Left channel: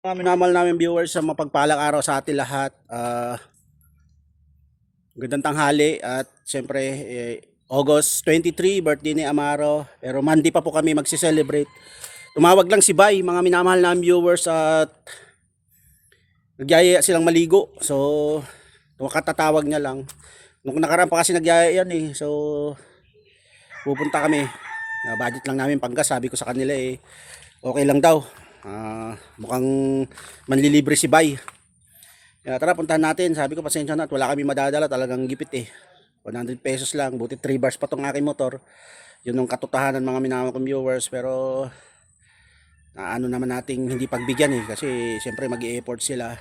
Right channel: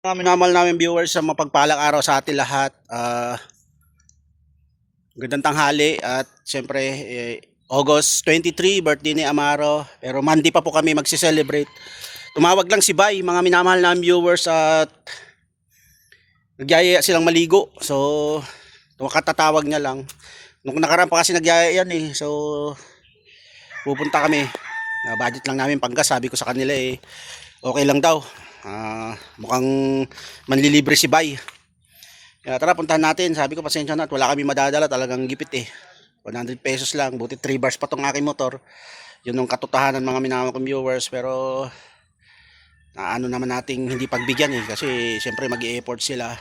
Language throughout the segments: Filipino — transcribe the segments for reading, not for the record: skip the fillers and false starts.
Minamahal namin viewers, sa mapagpalang araw sa atin lahat. Gandang tanghali at siyempre August 23, birthday ni Amaro. Pero Monday pa po kami magsi-celebrate. Tumawag lang si Bay, mga minamahal namin viewers, at nagyaya silang maligo. So katatawag niya lang. Nung nakaraan pa kasi nagyaya yan eh. So pupunta kami. Budget lang namin panggas, sabi ko sa kanila okay lang daw. Mukhang manlilibre si Bay. Kaya tara, puntahan natin. Sabi ko pasensya na at wala kami madadala, talagang gipit 100 pesos lang, buti 3 bars pa tong aking motor. Yun yung katotohanan mga minamahal kong viewers. Pero ano naman nating hindi pagbigyan kasi siyempre mag-i-effort sila.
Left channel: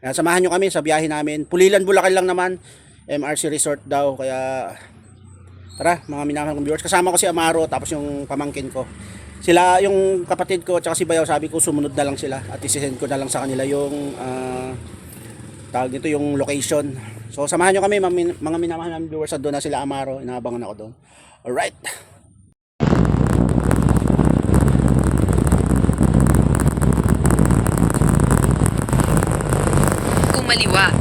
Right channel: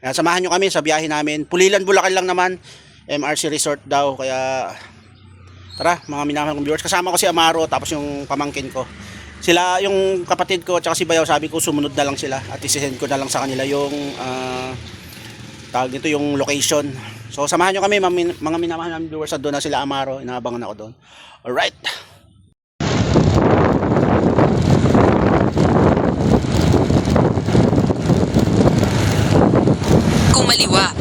Kaya samahan nyo kami sa biyahe namin. Pulilan, Bulacan lang naman, MRC Resort daw. Kaya tara mga minamahal kong viewers, kasama ko si Amaro tapos yung pamangkin ko. Sila, yung kapatid ko at si Bayaw, sabi ko sumunod na lang sila at isisend ko na lang sa kanila yung tawag nito, yung location. So samahan nyo kami mga minamahal namin viewers, at doon na sila Amaro, inaabangan ako doon. Alright, kumaliwa.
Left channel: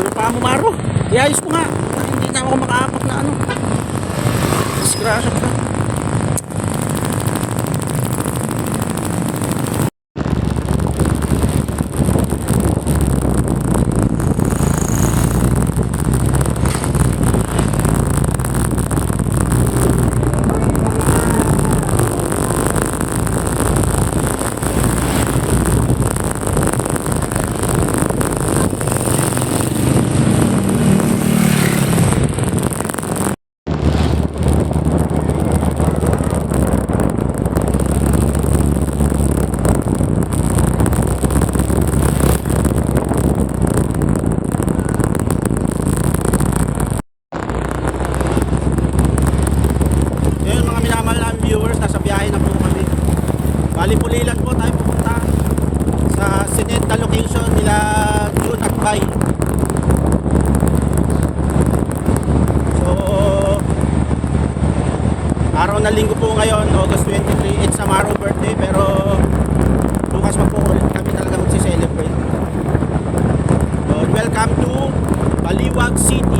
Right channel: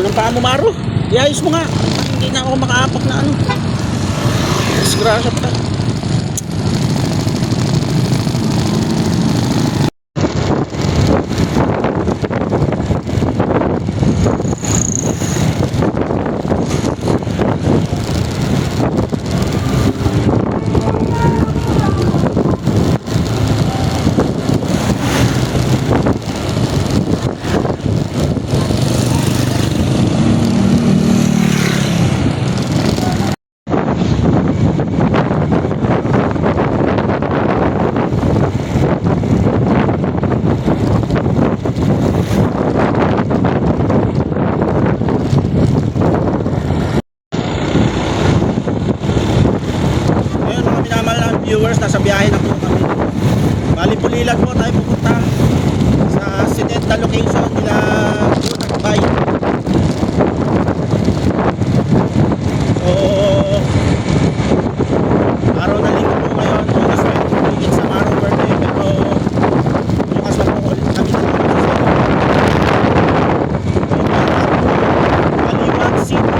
ano ng paa mo, Maro? Iayos mo nga, hindi na ako makaapak na ano. Disgrasya pa. Viewers, nasa biyahe na po kami. Bali, Pulilan po tayo pupunta sa sinenta location nila June at Bay. So araw na linggo po ngayon, August 23. It's Amaro birthday, pero bukas pa po ulit kami talaga magsiselebrate. So welcome to Baliwag City.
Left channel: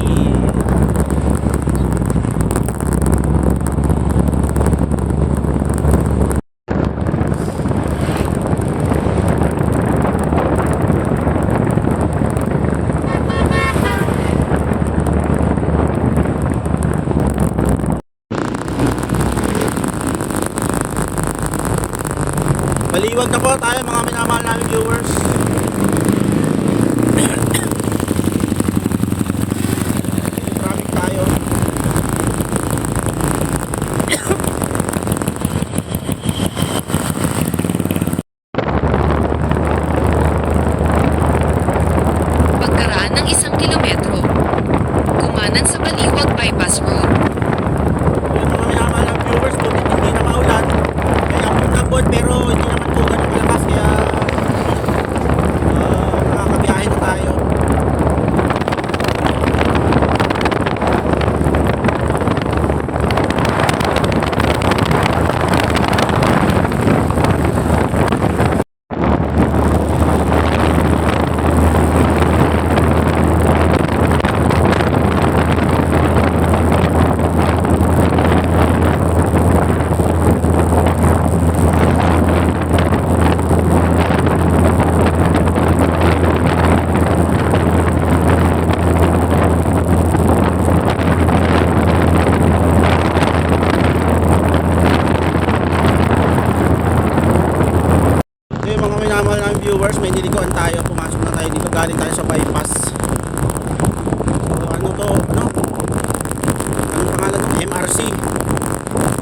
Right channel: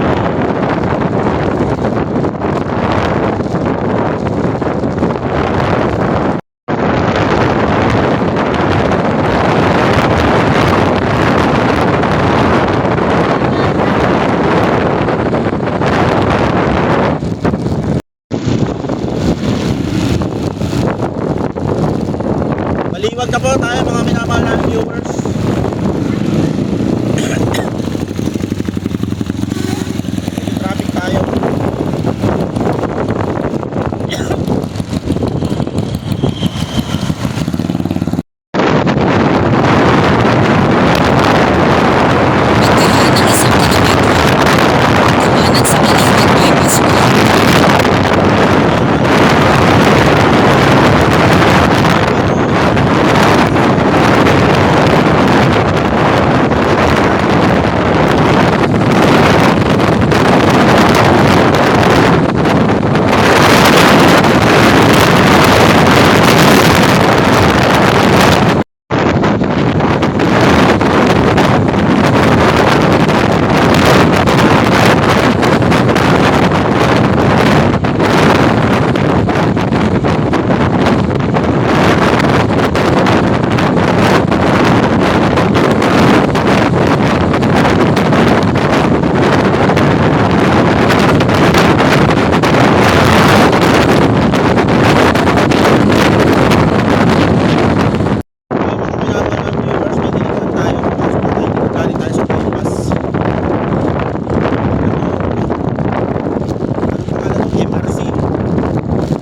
Baliwag na po tayo mga minamahal namin viewers. Medyo traffic tayo. Pagkaraan ng 1 kilometro, kumanan sa Baliwag Bypass Road.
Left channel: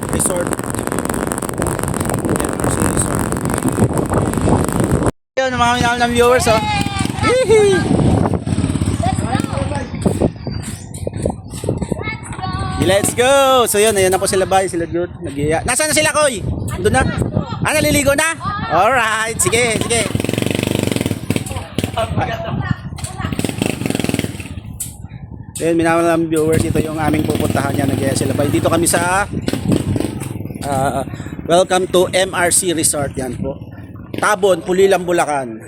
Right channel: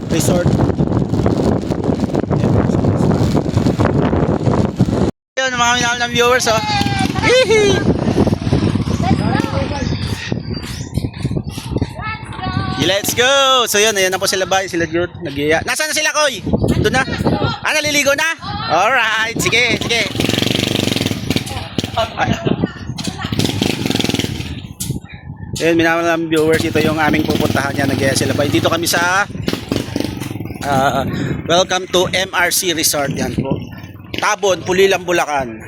Resort. Yun, mga minamahal ng viewers, Hihi! Let's go! So yun, ayan na po sila Bay, sila Jude, nag-iya. Nasaan na sila, Koy? Doon na? Ah, naliligo na? Alright, sige, sige. Ay. Ayun, minamahal viewers, ito yung aming pupuntahan niya, nag-iya sila Bay. Dito kami sa welcome to MRC Resort, yan po. Tabon, Pulilan, Bulacan.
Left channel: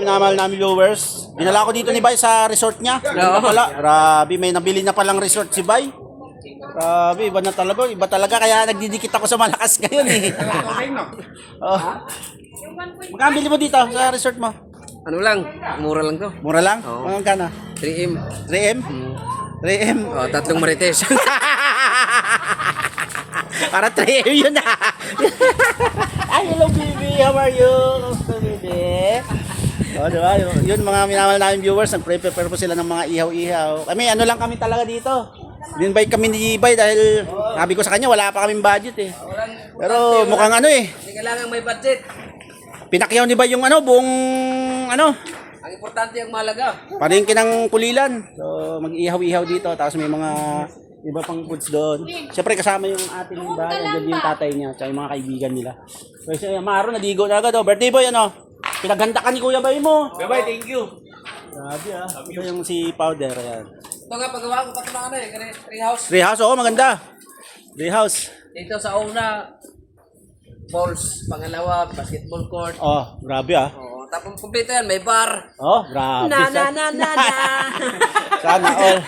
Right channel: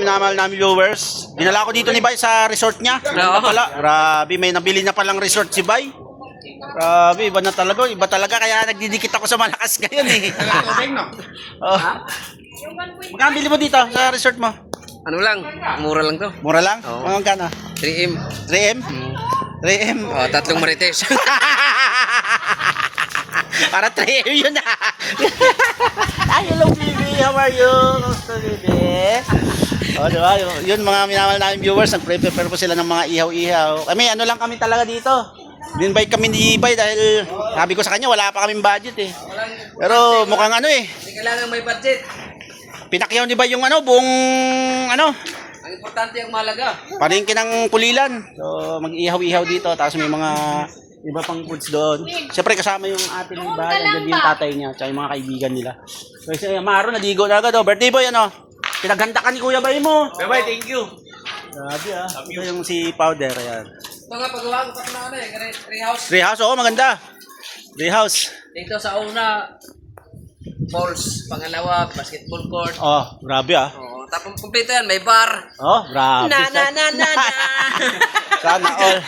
Minamahal namin viewers. Dinala ko dito ni Bay sa resort niya. Ano pala? Grabe, may nabili na palang resort si Bay. Grabe, iba na talaga. Iba talaga, kaya nagdidikit ako sa malakas ngayon eh. Oh. Magkano bili mo dito sa resort mo? Ano lang, mura lang to. Mura lang? Oo. Magkano? 3M. 3M? 3M? Oh, tatlong marites. Para 3M yun ah. Ay, hello baby, how are you? Kamusta baby? O, diba? Yun mga minamahal namin viewers, nag-prepare po sila ng mga ihaw-ihaw. Kami, ano lang kami talaga dito. Binbike kami ni Bay dahil sabi ko sa kanya, wala pa kaming budget eh. Pero mukhang ano eh. Hindi kailangan may budget. Pinakyaw ni Bay yung ano, buong ano, Ang importante ang mahalaga. palengke ng Pulilan. So, mag-ihaw-ihaw dito. Tapos may mga iba pang foods doon. Siyempre kasama yung ate ng bahay. Andiyan din yung tatay niya. Tsaka yung mga kaibigan nila. So, si Maro, nadigo na agad. Oh. Birthday boy, ano? Pinaghanda ka ni Kuya Bay mo. Bye-bye, thank you. Grabe ah. Ito yung si Powder. Ayan. Ito nga paggawa ko kapag treehouse. Treehouse, oo, maganda. Treehouse. Dito sa una, balls. Pangalawa, basketball court. Oh, grabe ah. Oo, tapos kumpleto yan, may bar. Oh, grabe. Sana all.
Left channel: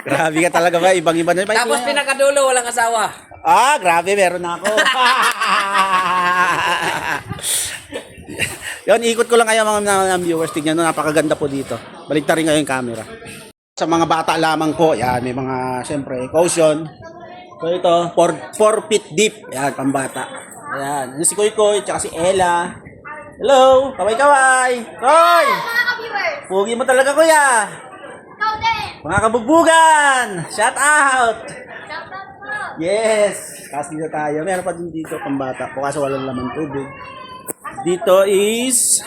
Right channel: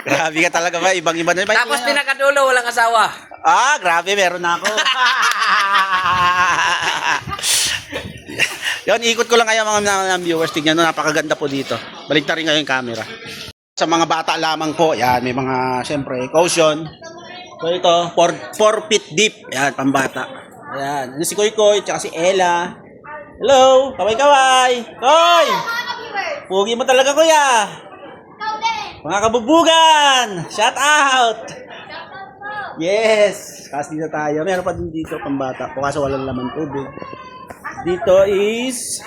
Grabe ka talaga ba? Ibang-iba na. Tapos pinakadulo, walang asawa. Ah, grabe, meron na ako. Yon, ikot ko lang kayo mga viewers. Tignan nyo, napakaganda po dito. Balik na rin kayo yung camera. Sa mga bata lamang po, yan, may mga, siyempre, caution. So ito, 4 feet deep. Yan, pambata. Ayan, ano si Koy Koy, tsaka si Ella. Hello, kaway-kaway. Koy! Pugi mo talaga, kuya. Mga kabugbugan, shout out. Yes, kasi dito tayo. Meron pa din dito pambata po kasi walang laman tubig. Dito is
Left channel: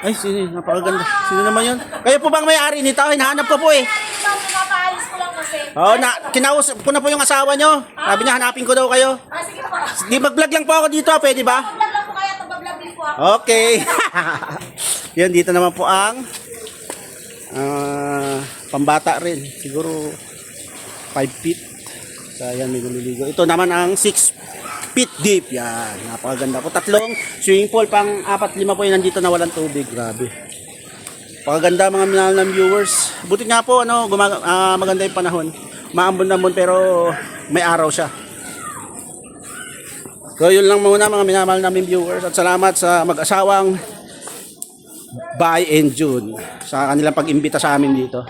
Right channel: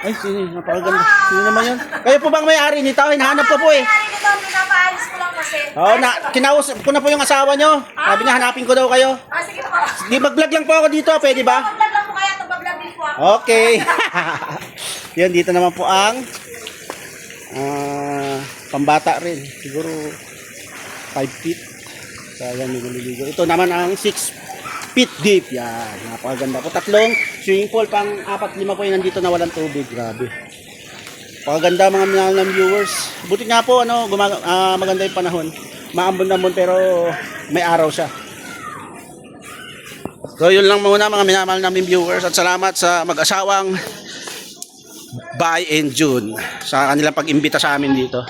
ay, sino? Napakaganda. Sino naman yun? Kayo po bang may-ari nito? Hinahanap ko po eh. May-ari nito, pinapaalis ko lang kasi. Oo, kinausap ko na po yung asawa nyo. Sabi niya, hanapin ko daw kayo. Ah, sige po. Di mag-vlog lang po ako dito, pwede ba? Mag-vlog lang po kaya, mag-vlog din po ako. Okay. Yan, dito naman po ang pambata rin. Siguro 5 feet. So, yan, may naliligo. Ito naman ang 6 feet deep. Yan, napakaganda po. Tatlong swimming pool, pang 4-5 po yung nandito na walang tubig. Grabe. Napakaganda mga minahal ng viewers. Buti nga po, ano, maganda yung panahon. Maambon-ambon pero may araw siya. So, yun lang muna mga minamahal namin viewers. At salamat sa mag-asawang Bay and June sa kanilang pag-imbita sa amin dito.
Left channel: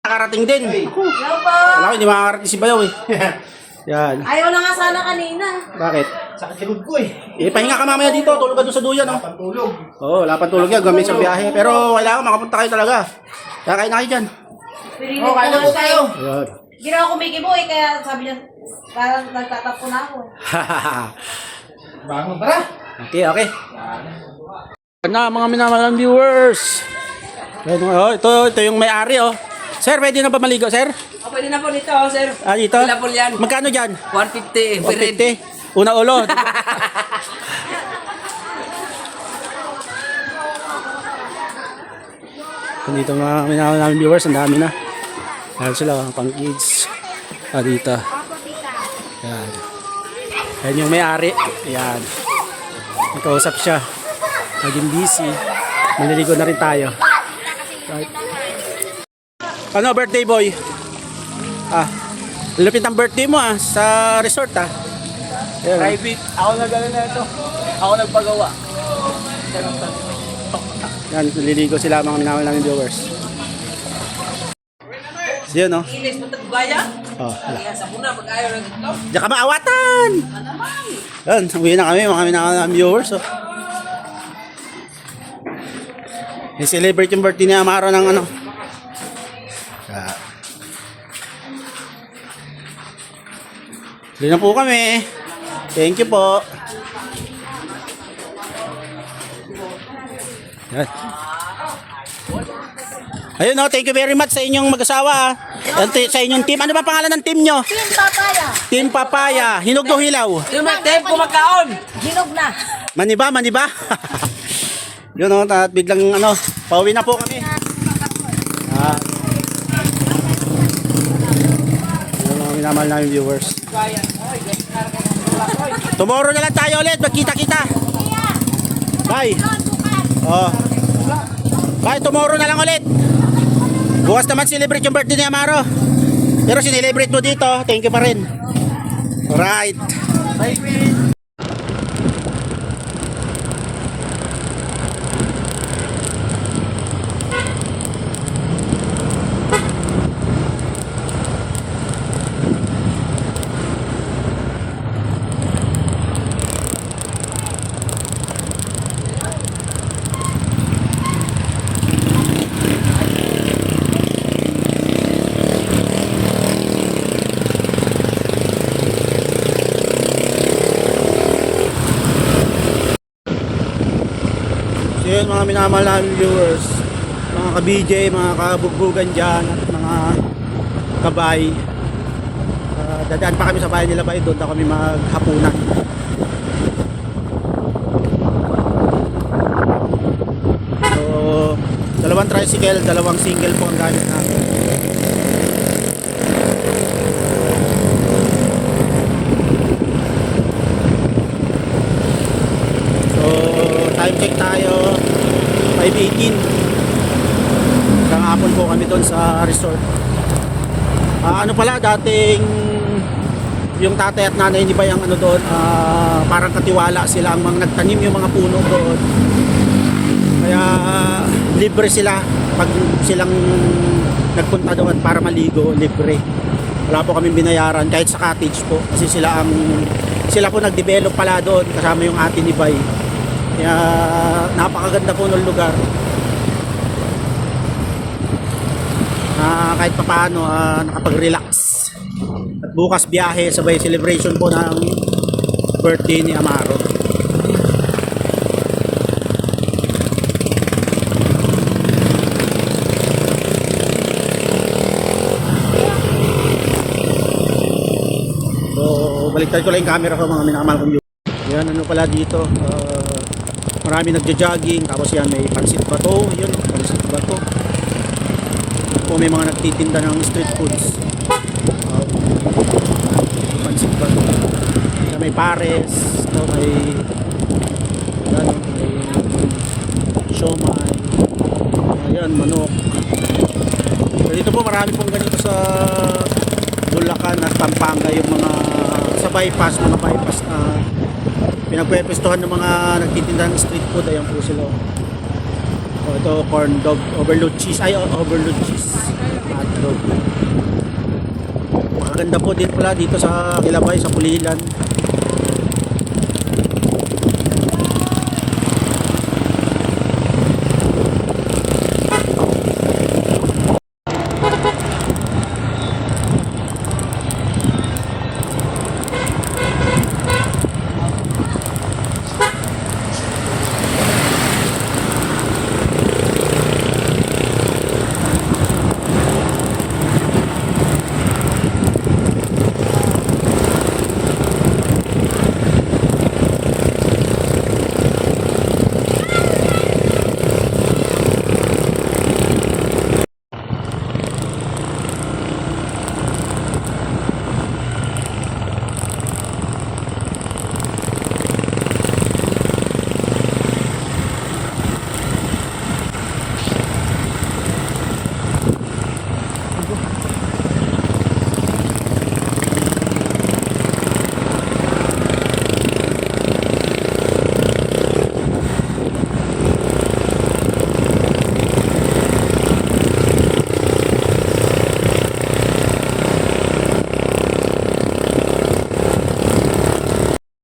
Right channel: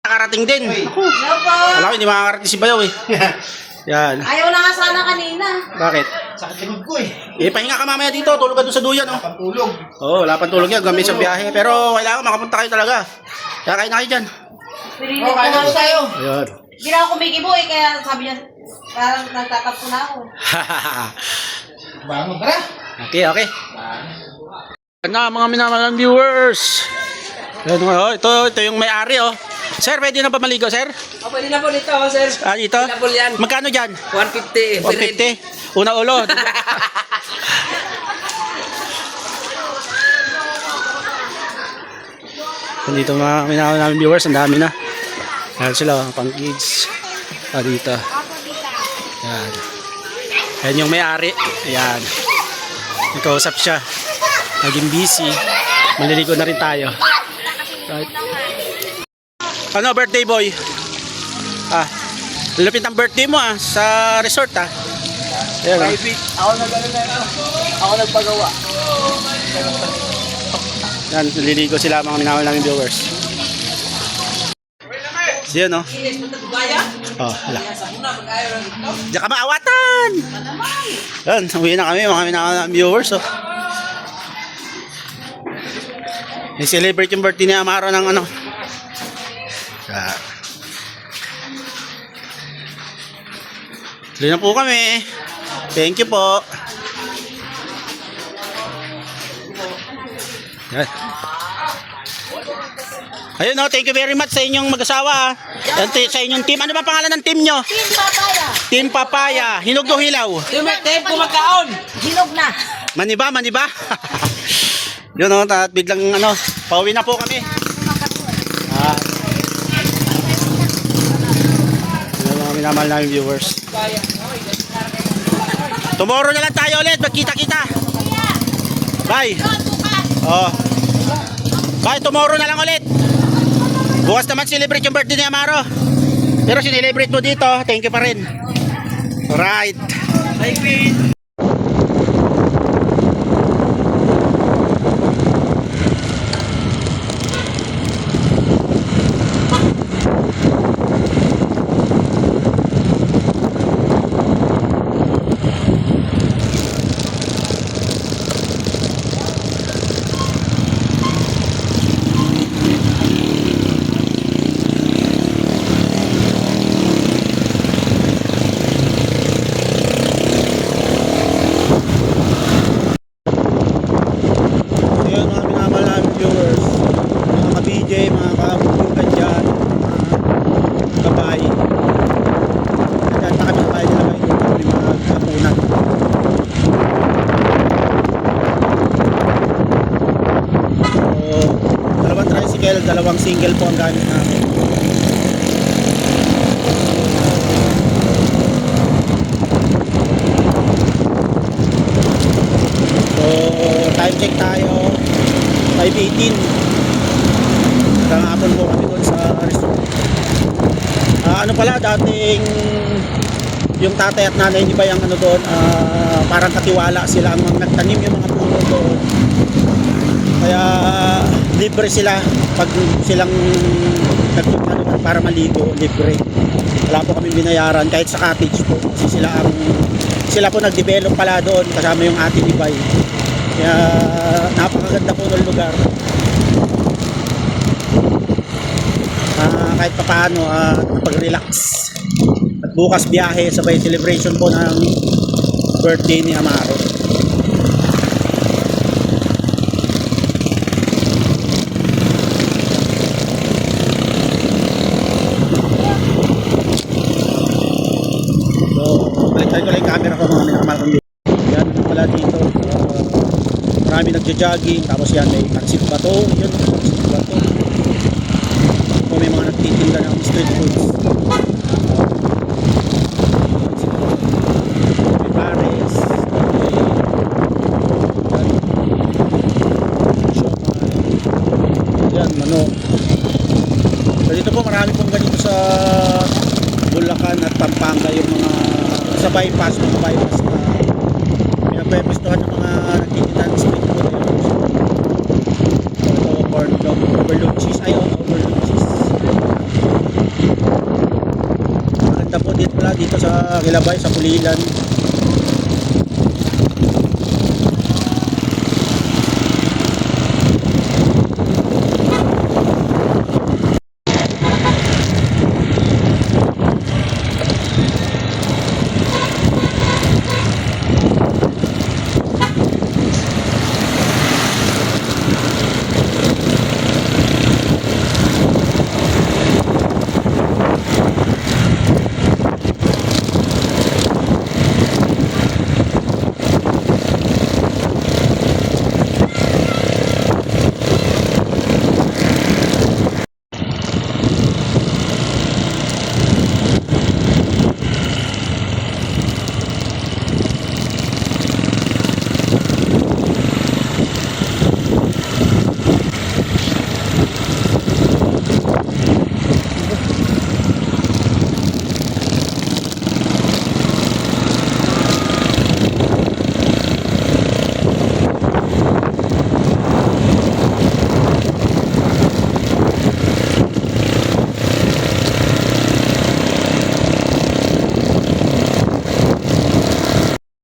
Nakarating din. Ako. Alam ko, hindi makakarating si Bayaw eh. Yan. Ayaw na nga sana kanina. Bakit? Sakit likod ko eh. Pahinga ka mamaya dito. Tulog ka doon sa duyan, oh. Pantulog. Oo, wala pang tulog yan. Gamit sa biyahe. Pero kailangan makapunta kayo talaga. Kaya kain na kayo dyan. Oh, kaya na tayo. Ayun. Hindi na ako kumikibo eh, kaya sabi niya, parang nagtatapo na ako. Bangon tara. Okay, okay. Na mga minamalang viewers. Ayun, oh, ito yung may-ari, oh. Sir, pwede na ba maligo, sir? Oh, pwede na po nito, sir. Ah, dito? Available yan. Magkano dyan? 150. 150. Una ulo. Dito mga minahal namin viewers, ang dami na. Ayan sila, pang kids. Ah, dito. Ayan. Ayan yung may-ari. Ayan. Nakausap siya. Naging busy. Maliligo na rin tayo. Right. Ano, birthday boy? Ah, lupit ang birthday mo ah, sa resort ah. Ayan, ah. Ako nag-ano na ito. Ako nagpagawa. Yan, naliligo sila mga minamahal namin viewers. So yun, no? Inis mo tagbaya? Oh, hala. Sa muna, mag-ayaw lang ito. Diyan ka maawatan! Yan, uwi na kami mga minamahal namin viewers, oh. I-celebrate yung birthday ni Amaro ng ano. Ah. Tuloy na po kami. Thank you po. Yan. Ayun oh, thank you very much sa inyong mag-asawa. Sa inyong team. Ano ba pangalan ng team nyo? Team Papaya. Team Papaya. Hinog o hilaw? Time ko magkaon. Hinog na. Maniba, maniba. Yun oh, at biglang ano, pauwi na po kami. Yun mga minamahal namin viewers. Tomorrow na lang tayo ulit, magkita-kita. Bye. Oh. Bye, tomorrow na lang ulit. Bukas naman celebrate yung birthday ni Amaro. Pero sinelebrate mo dito, thank you pa rin. Alright. Bye, Queen. So yun mga minamahal namin viewers, mga ka-BJ, mga kabugbugan dyan, mga kabay. Dadaan pa kami sa bahay nila ba, doon pa kami maghapunan. So, dalawang tricycle, dalawang single po ang gamit namin. So, time check tayo 5:18. Hanggang hapon po kami doon sa resort. Ano pala, dating yung tatay at nanay hindi ba yung ano doon, parang katiwala sila ang mga nagtanim yung mga puno doon. Kaya libre sila pag silang nagpunta doon para maligo, libre. Wala po kami binayaran kahit sa cottage po kasi sila po nag-develop pala doon kasama yung ate ni Bay. Kaya napakaganda po ng lugar. Kahit pa paano nakapag-relax. At bukas biyahe sabay celebration po ng birthday ni Amaro. So baliktad ko lang yung camera ko mga minamahal kong viewers. Yan ano pala dito, marami nagja-jogging, tapos yan may pansit bato, yun pansit bato. O may mga nagtitinda ng street foods. Pansit bato. May pares, may yan, may siomai. Yan, manok. So dito po marami pong ganito sa Bulacan at Pampanga, yung mga sa bypass, mga bypass na pinagpwepestuhan ng mga nagtitinda ng street food. Ayan po sila. So ito corn dog, overload cheese, overload cheese. Maganda po dito pala dito sa Gilabay, sa Pulilan.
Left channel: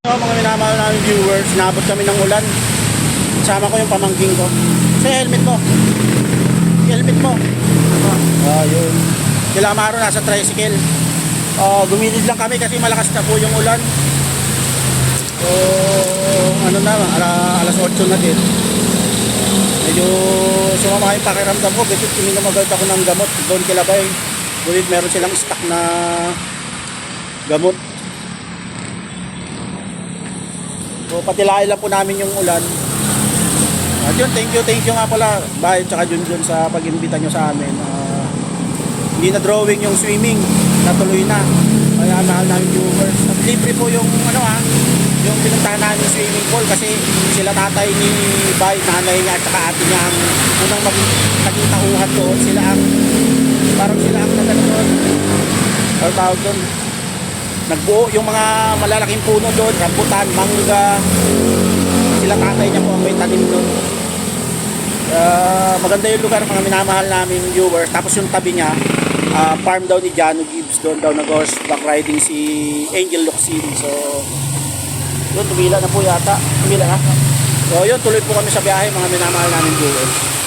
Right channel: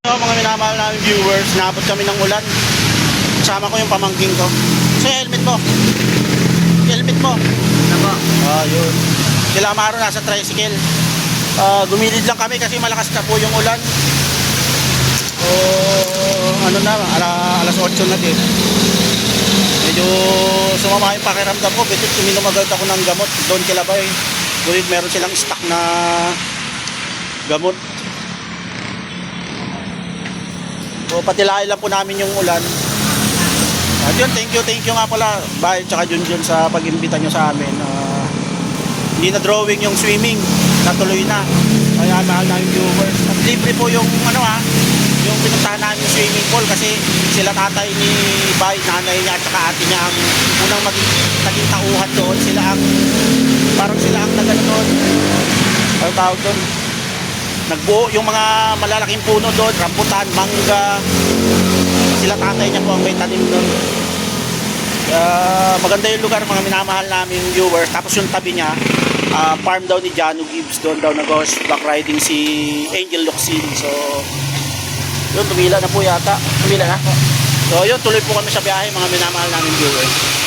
So, mga minamahal namin viewers, naabot kami ng ulan. Kasama ko yung pamangking ko. So, helmet mo. Helmet mo. Ako. Yun. Sila Amaro nasa tricycle. Gumilid lang kami kasi malakas na po yung ulan. So, ano na, alas 8 na din. Medyo sumama yung pakiramdam ko. Besit uminom agad ako ng gamot doon kila Bay. Ngunit meron silang stock na gamot. So patilain lang po namin yung ulan. At yun, thank you nga pala Bay tsaka Junjun sa pag-imbita nyo sa amin. Hindi na drawing yung swimming, natuloy na. Kaya mahal namin viewers. At libre po yung yung pinuntahan namin yung swimming pool kasi sila tatay ni Bay, nanay niya at saka ate niya ang unang naging tauhan doon. Parang sila ang nagano doon. Ano tawag doon? Nagbuo yung mga malalaking puno doon, rambutan, mangga. Sila tatay niya po ang may tanim doon. Maganda yung lugar, mga minamahal namin viewers. Tapos yung tabi niya, farm daw ni Jano Gibbs, doon daw nag-horseback riding si Angel Locsin. So yun, tumila na po yata. Tumila na. So yun, tuloy po kami sa biyahe, mga minamahal namin viewers.